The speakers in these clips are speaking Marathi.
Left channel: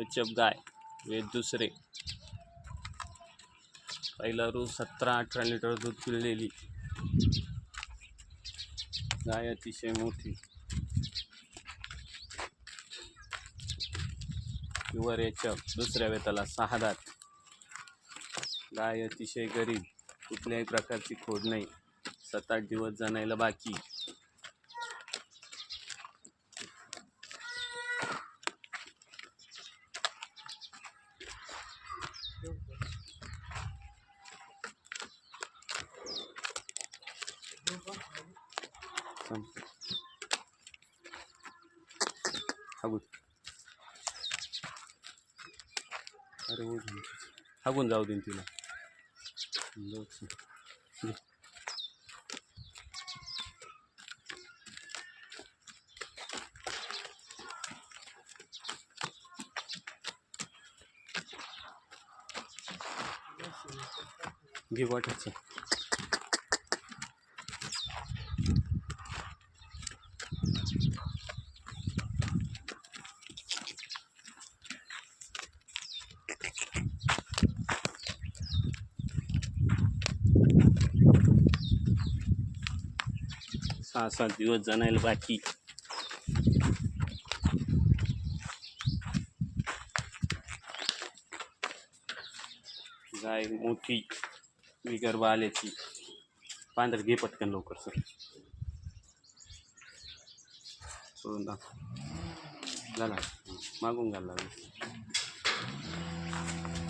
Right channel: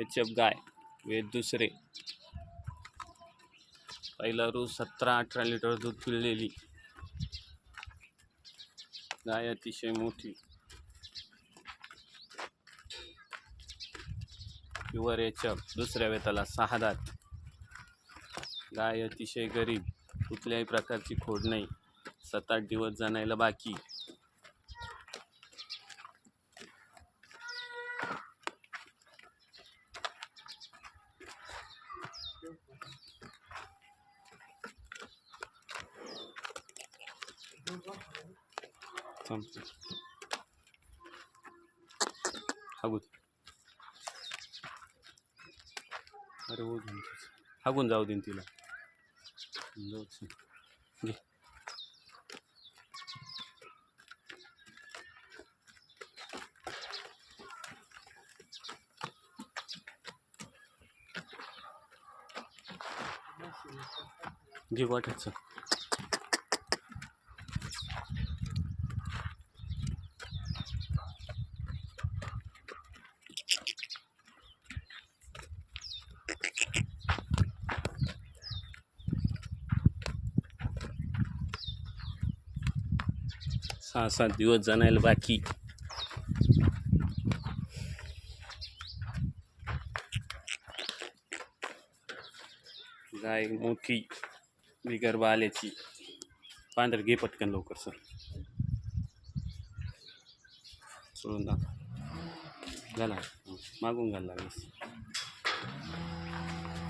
एच एफ गाय वे दुसरे. पहिला रोज सतरा अठरा लिटर दूध पिळलेली गाय अतिशय मोठी. प्युअर एच एफ दुसऱ्या वेताला सहा दात. गाय अतिशय गरीब कुठल्याही प्रकारची खोड नाही. सात आठ दिवस जाणायला बाकी. अरे हो हागून जाऊ देईन तिला. जाऊ घे. घे वाटायचं. सहा सात दिवस जाणायला बाकी. गाय मोठी विगर्भ आल्याची पांढर घे पटकन लवकर सर. सोडून दाखव. झाला. मागून घाल लागेल.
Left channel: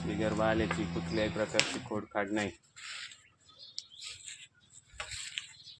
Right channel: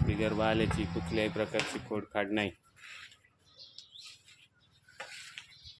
विगर्भ आल्याची कुठल्याही प्रकारची खोड काढ नाही.